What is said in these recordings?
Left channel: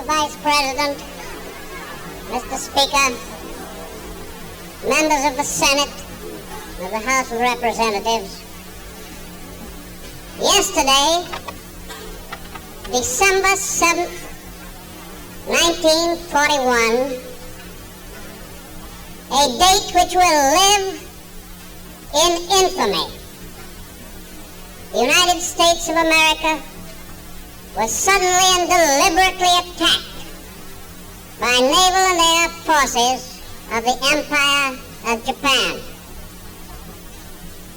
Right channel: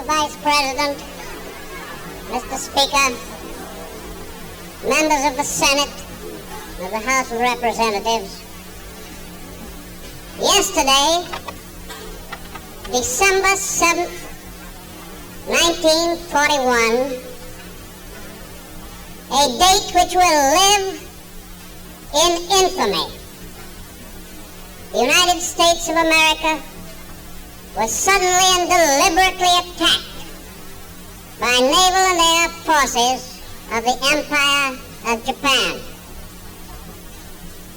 Mr. Vice President, Mr. Speaker, members of the Senate and the House of Representatives, yesterday, December 7th, 1941, a date which will live in infamy. The United States of America was suddenly and deliberately attacked by naval and air forces of the Empire of Japan.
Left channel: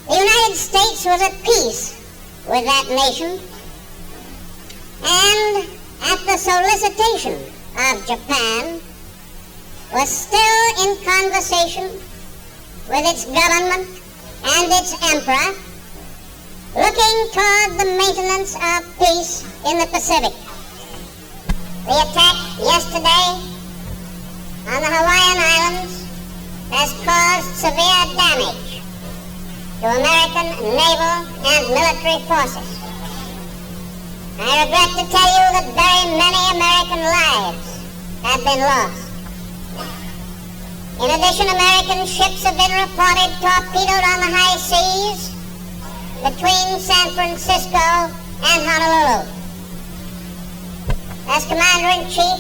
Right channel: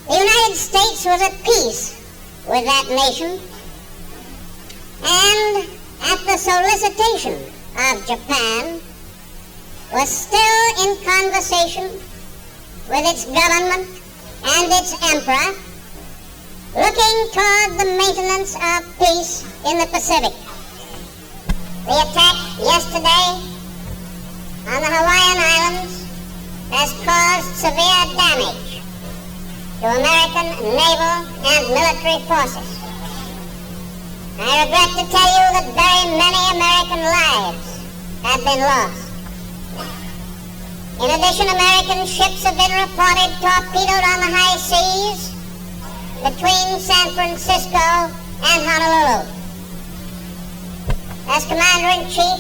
The United States was at peace with that nation, and at the solicitation of Japan, was still in conversation with its government and its emperor, looking toward the maintenance of peace in the Pacific. The attack yesterday on the Hawaiian Islands has caused severe damage to American naval and military forces. I regret to tell you that very many American lives have been lost. In addition, American ships have been reported torpedoed on the high seas between San Francisco and Honolulu. As Commander-in-Chief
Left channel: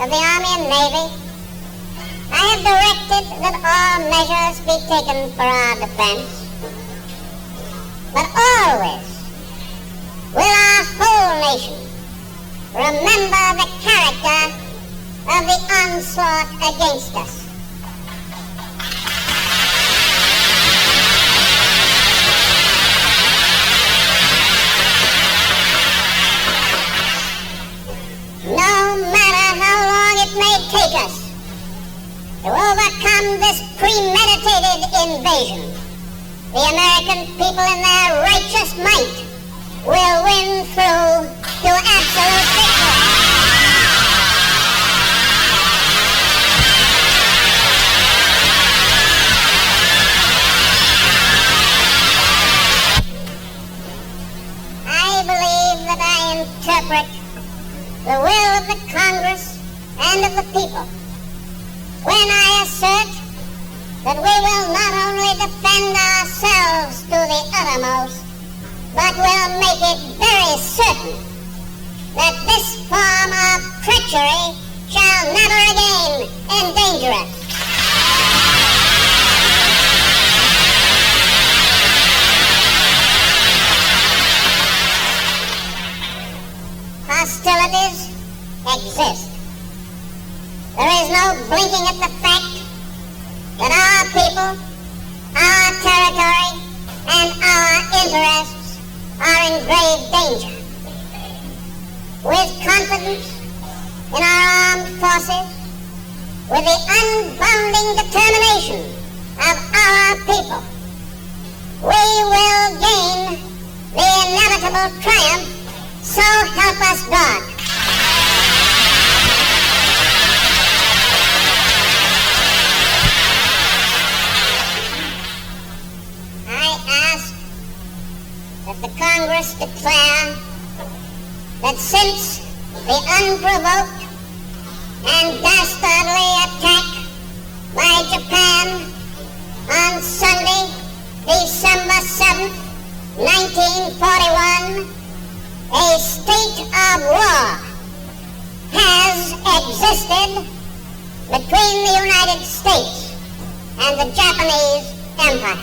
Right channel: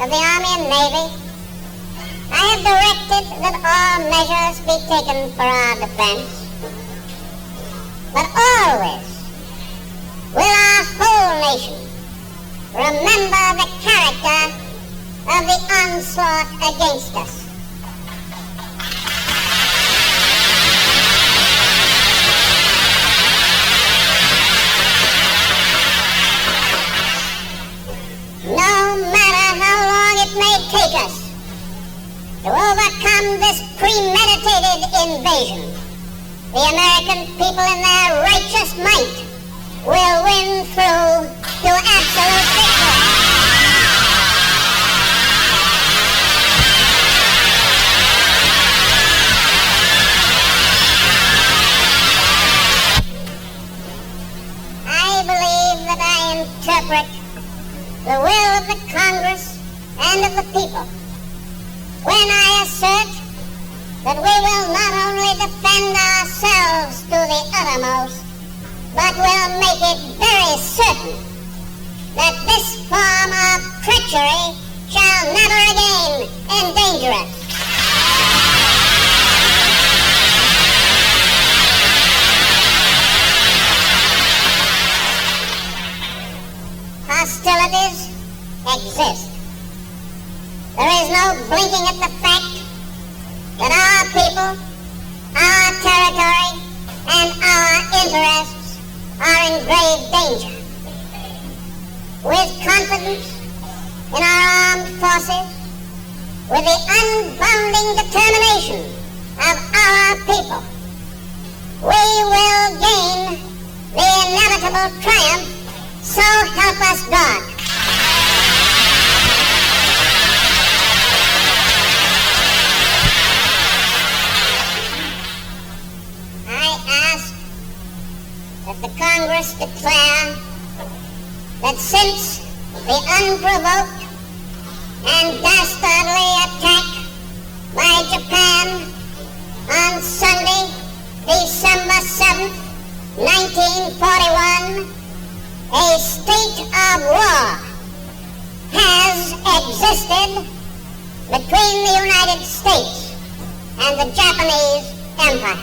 of the Army and Navy, I have directed that all measures be taken for our defense. But always will our whole nation remember the character of the onslaught against us. No matter how long it may take us to overcome this premeditated invasion, the American people in their righteous might will win through to absolute victory. I believe that I interpret the will of the Congress and of the people when I assert that we will not only defend ourselves to the uttermost, but will make it very certain that this form of treachery shall never again endanger us. Hostilities exist. There is no blinking at the fact that our people, our territory, and our interests are in grave danger. With confidence in our armed forces, with the unbounding determination of our people, we will gain the inevitable triumph. So help us God. I ask that the Congress declare that since the unprovoked and dastardly attack by Japan on Sunday, December 7th, 1941, a state of war has existed between the United States and the Japanese Empire.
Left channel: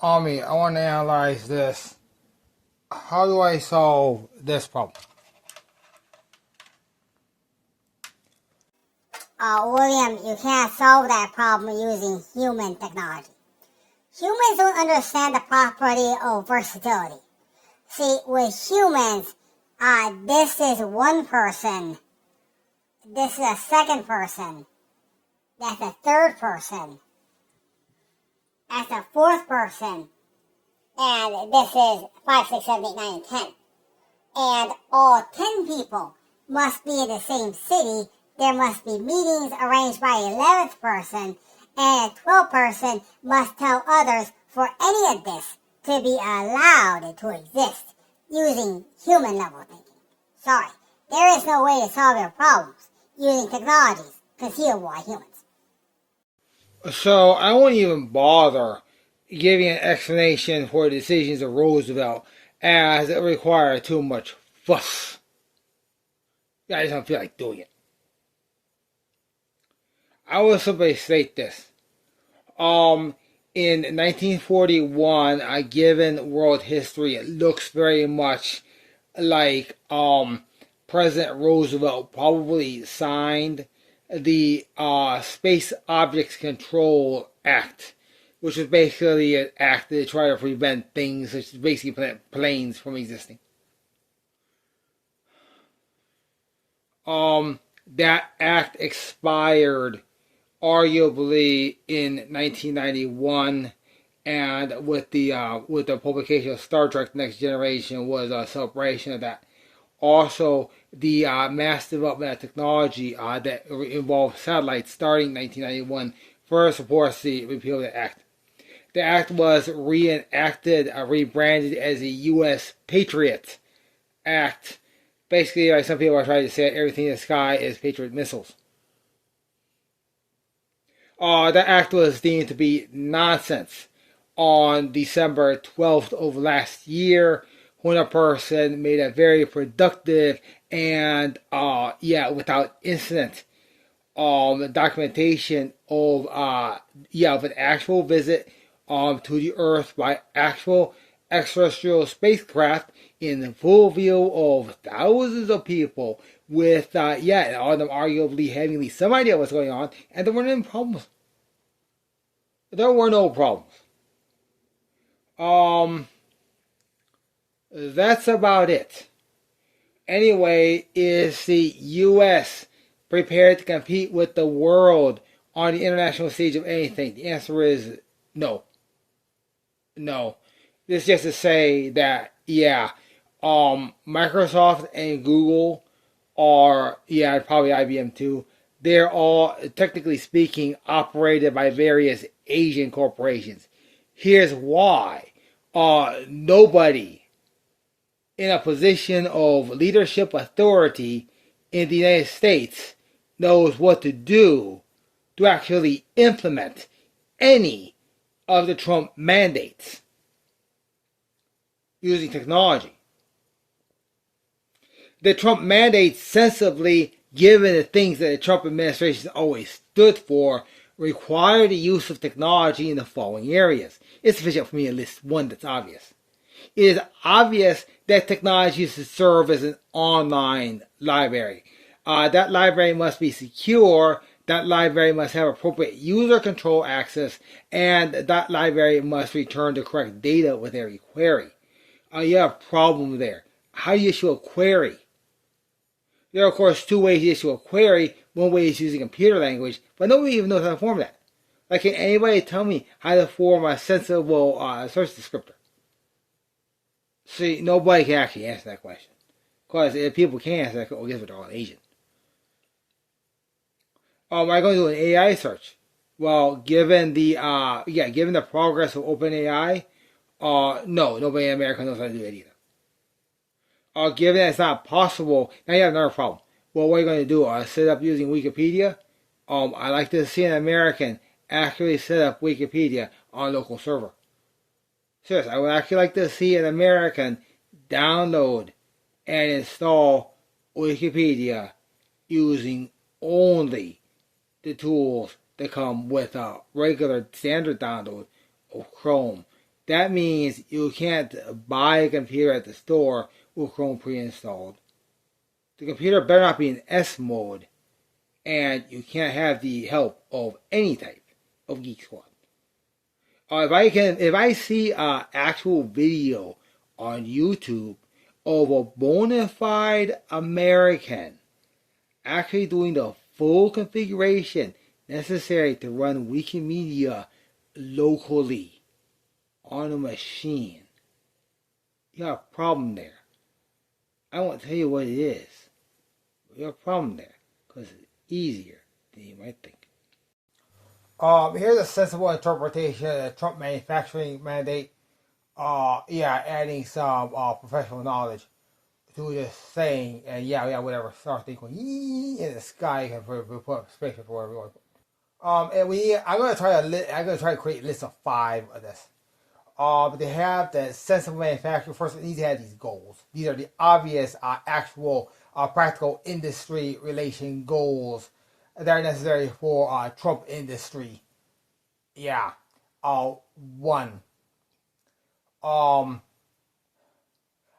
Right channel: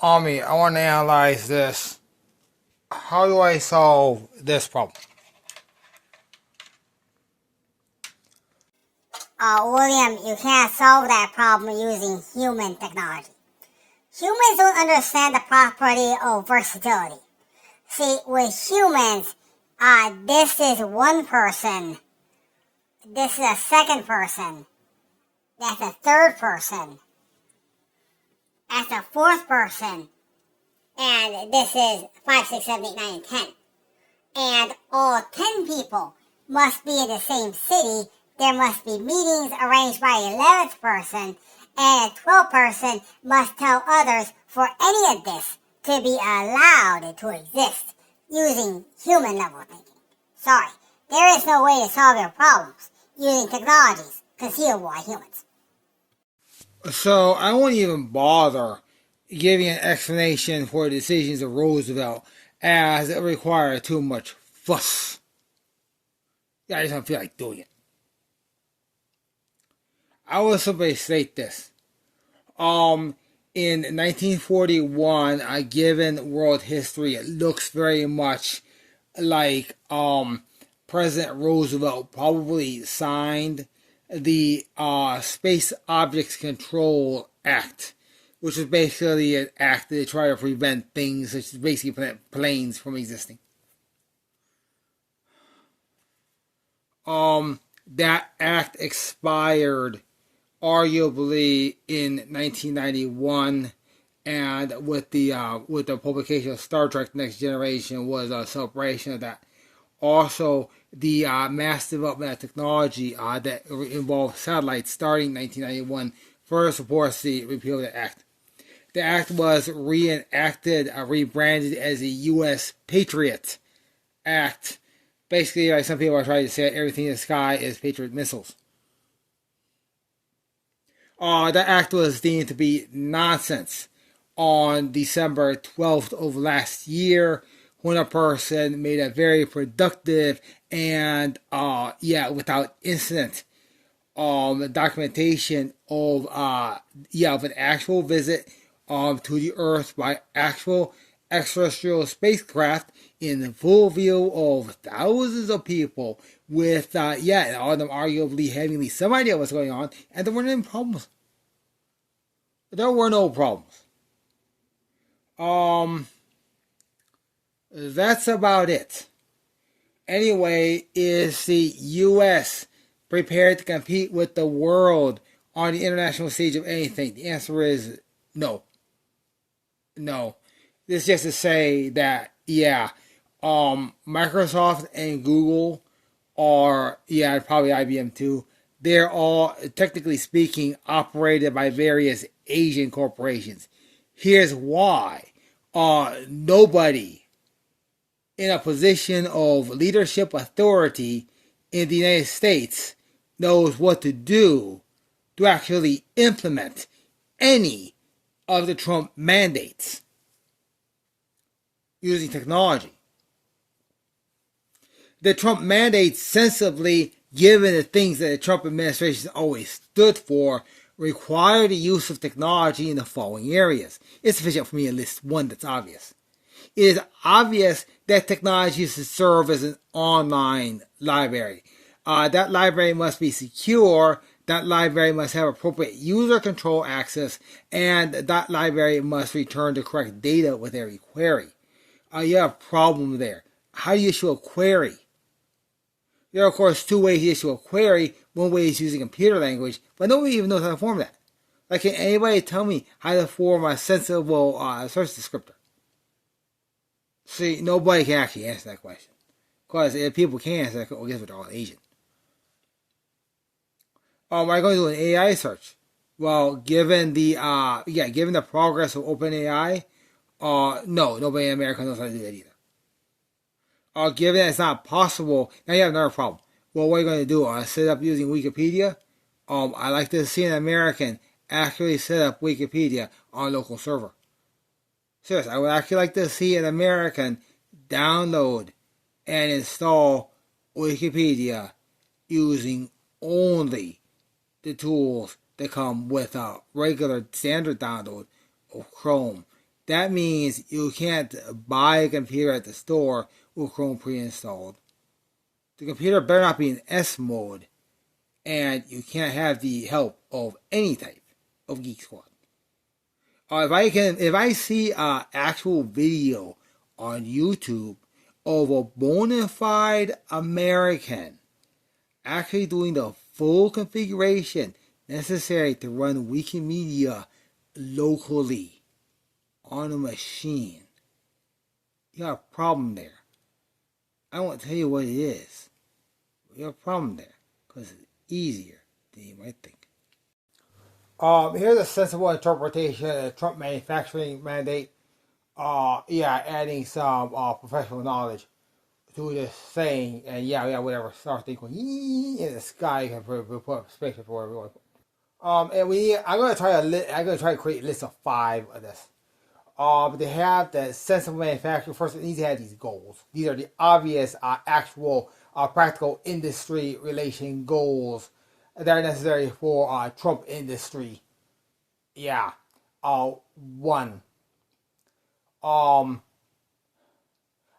Amii, I want to analyze this. How do I solve this problem? William, you can't solve that problem using human technology. Humans don't understand the property of versatility. See, with humans, this is one person, this is a second person, that's a third person, that's a fourth person, and this is 5, 6, 7, 8, 9, and 10. And all 10 people must be in the same city there must be meetings arranged by a 11th person, and a 12th person must tell others for any of this to be allowed to exist using human level thinking. Sorry, there is no way to solve your problems using technologies concealed by humans. So I won't even bother giving an explanation for the decisions of Roosevelt as it required too much fuss. I just don't feel like doing it. I will simply state this. In 1941, given world history, it looks very much like President Roosevelt probably signed the Space Objects Control Act, which is basically an act to try to prevent things such as basically planes from existing. That act expired arguably in 1991, and with the publication of Star Trek: Next Generation was a celebration of that. Also, the mass development of technology that involved satellites starting in 1991 further supports the repeal of the act. The act was rebranded as the U.S. Patriot Act. Basically, like some people are trying to say, everything in the sky is Patriot missiles. That act was deemed to be nonsense on December 12th of last year, when a person made a very productive and without incident documentation of an actual visit to the Earth by actual extraterrestrial spacecraft in the full view of thousands of people with all of them arguably having at least some idea what's going on, and there weren't any problems. There were no problems. That's about it. Anyway, is the U.S. prepared to compete with the world on the international stage of anything? The answer is no. No. This is just to say that, Microsoft and Google are, probably IBM too, they're all, technically speaking, operated by various Asian corporations. Here's why. Nobody in a position of leadership authority in the United States knows what to do to actually implement any of the Trump mandates using technology. The Trump mandates, sensibly, given the things that the Trump administration always stood for, require the use of technology in the following areas. It's sufficient for me to list one that's obvious. It is obvious that technology is to serve as an online library. That library must be secure, that library must have appropriate user control access, and that library must return the correct data with every query. You have a problem there. How do you issue a query? There are, of course, two ways to issue a query. One way is using computer language, but nobody even knows how to form that. Like, can anybody tell me how to form a sensible search descriptor? See, nobody can actually answer that question. Because if people can answer that question, guess what, they're all Asian. Am I going to do an AI search? Well, given the progress of OpenAI, no, nobody in America knows how to do that either. Given that it's not possible, now you have another problem. Well, what are you going to do? Set up using Wikipedia? I like to see an American actually set up Wikipedia on a local server. Seriously, I would actually like to see an American download and install Wikipedia using only the tools that come with a regular standard download of Chrome. That means you can't buy a computer at the store with Chrome pre-installed. The computer better not be in S mode, and you can't have the help of any type of Geek Squad. If I see an actual video on YouTube of a bona fide American actually doing the full configuration necessary to run Wikimedia locally on a machine, you have a problem there. I won't tell you what it is. You have a problem there. Because easier than you might think. Here's a sensible interpretation of the Trump manufacturing mandate. Adding some professional knowledge to this saying, and whatever. Start thinking in the sky and put spaceship for everyone. I'm gonna try to create a list of 5 of this. They have the sensible manufacturing. First, it needs to have these goals. These are the obvious, actual, practical industry relation goals that are necessary for Trump industry. Yeah. 1.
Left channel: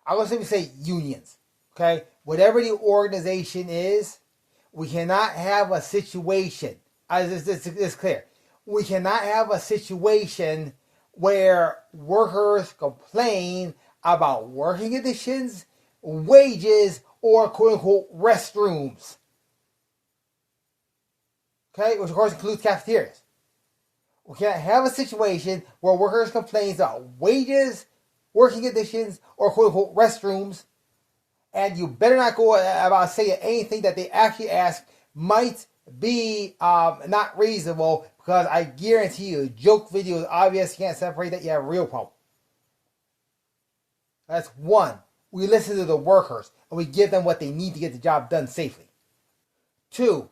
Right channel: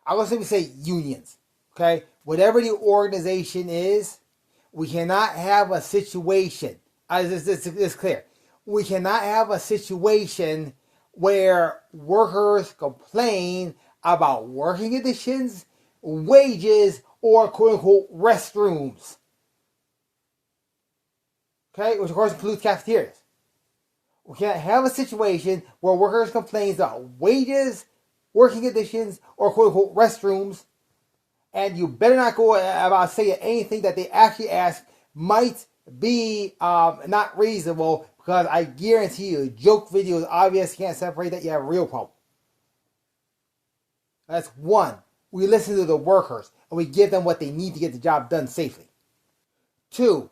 I would simply say unions. Okay? Whatever the organization is, we cannot have a situation. It's clear. We cannot have a situation where workers complain about working conditions, wages, or quote-unquote restrooms. Okay? Which of course includes cafeterias. We can't have a situation where workers complain about wages, working conditions, or quote-unquote restrooms, and you better not go about saying anything that they actually ask might be not reasonable, because I guarantee you, joke video is obvious, you can't separate that, you have a real problem. That's 1. We listen to the workers, and we give them what they need to get the job done safely. 2.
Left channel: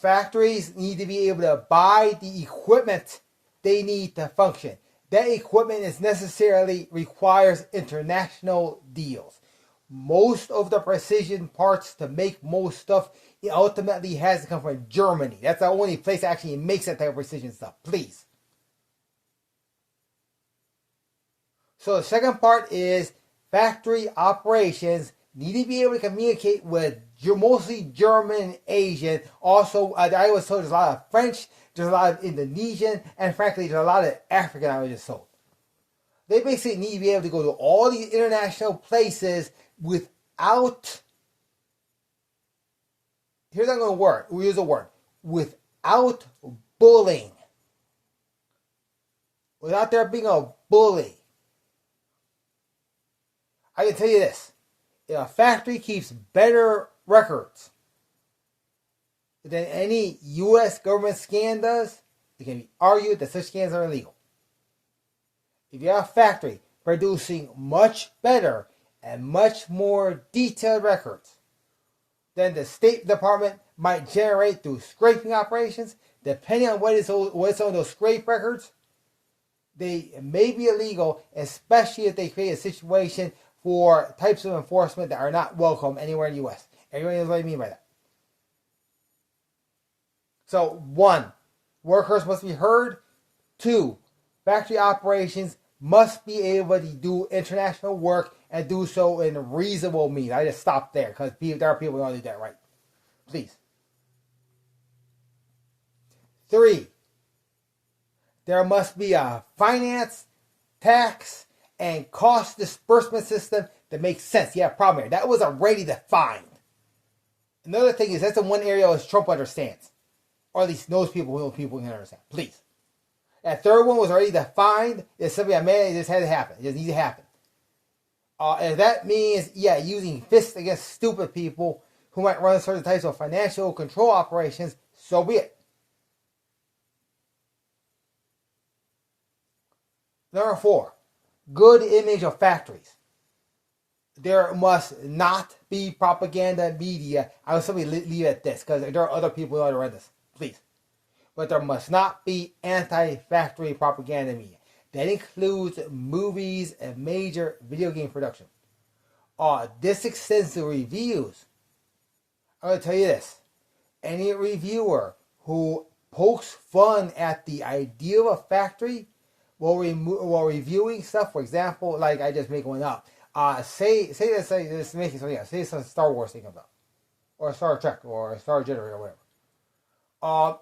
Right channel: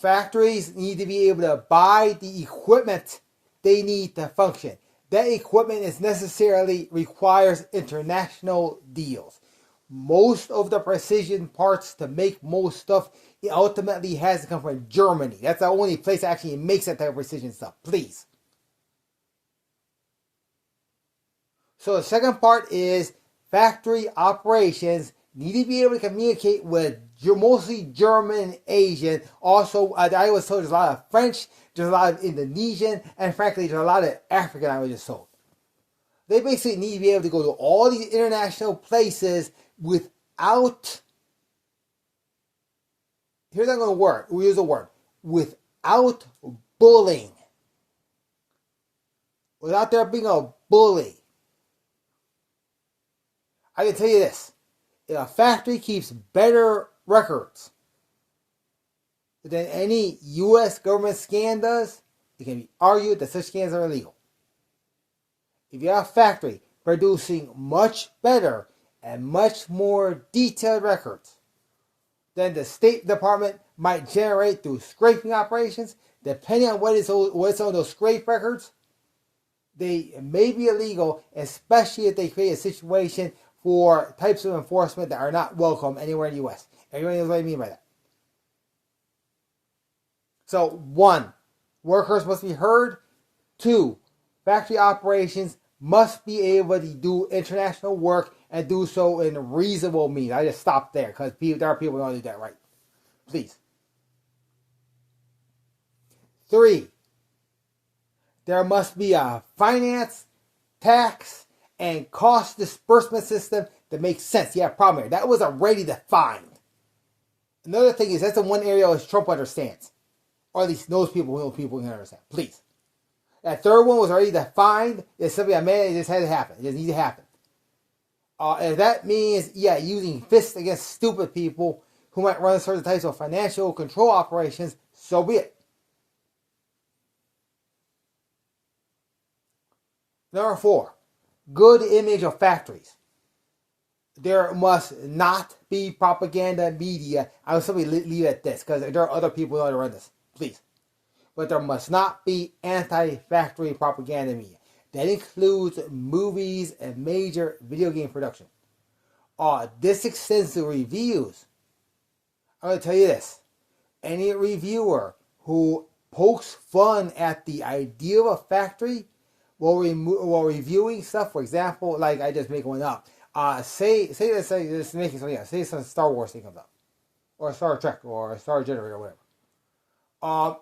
Factories need to be able to buy the equipment they need to function. That equipment is necessarily requires international deals. Most of the precision parts to make most stuff, it ultimately has to come from Germany. That's the only place that actually makes that type of precision stuff. Please. So the second part is factory operations need to be able to communicate with mostly German and Asian. Also, I was told there's a lot of French, there's a lot of Indonesian, and frankly, there's a lot of African I was just told. They basically need to be able to go to all these international places without, here's how I'm going to word, we use a word, without bullying. Without there being a bully. I can tell you this. If a factory keeps better records than any U.S. government scan does, it can be argued that such scans are illegal. If you have a factory producing much better and much more detailed records than the State Department might generate through scraping operations, depending on what's on those scrape records, they may be illegal, especially if they create a situation for types of enforcement that are not welcome anywhere in the U.S. Everybody knows what I mean by that. So, 1, workers must be heard. 2, factory operations must be able to do international work and do so in reasonable means. I just stopped there because there are people who don't do that right. Please. 3, there must be a finance, tax, and cost disbursement system that makes sense. You have a problem here. That was already defined. Another thing is that's the one area which Trump understands. Or at least those people who can understand. Please. That third one was already defined. It's something that it just had to happen. It just needs to happen. And that means, using fists against stupid people who might run certain types of financial control operations, so be it. Number 4. Good image of factories. There must not be propaganda media. I will simply leave it at this because there are other people who know how to run this. Please. But there must not be anti-factory propaganda media. That includes movies and major video game production. This extends to reviews. I'm going to tell you this. Any reviewer who pokes fun at the idea of a factory while reviewing stuff, for example, like I just make one up. Say some Star Wars thing comes up, or Star Trek, or Star Generator, or whatever.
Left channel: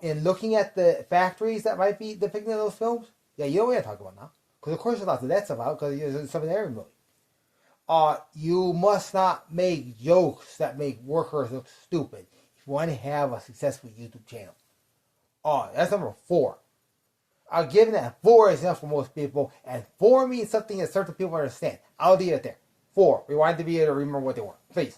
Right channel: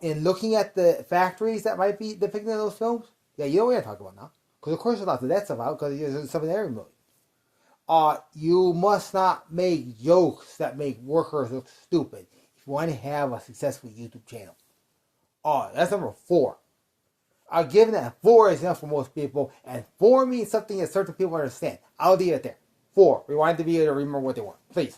In looking at the factories that might be depicted in those films, you know what I'm talking about now, because of course there's lots of that stuff out, because there's something in every movie. You must not make jokes that make workers look stupid if you want to have a successful YouTube channel. That's number 4. I'll give that 4 is enough for most people, and 4 means something that certain people understand. I'll leave it there. 4. We want to be able to remember what they want. Please.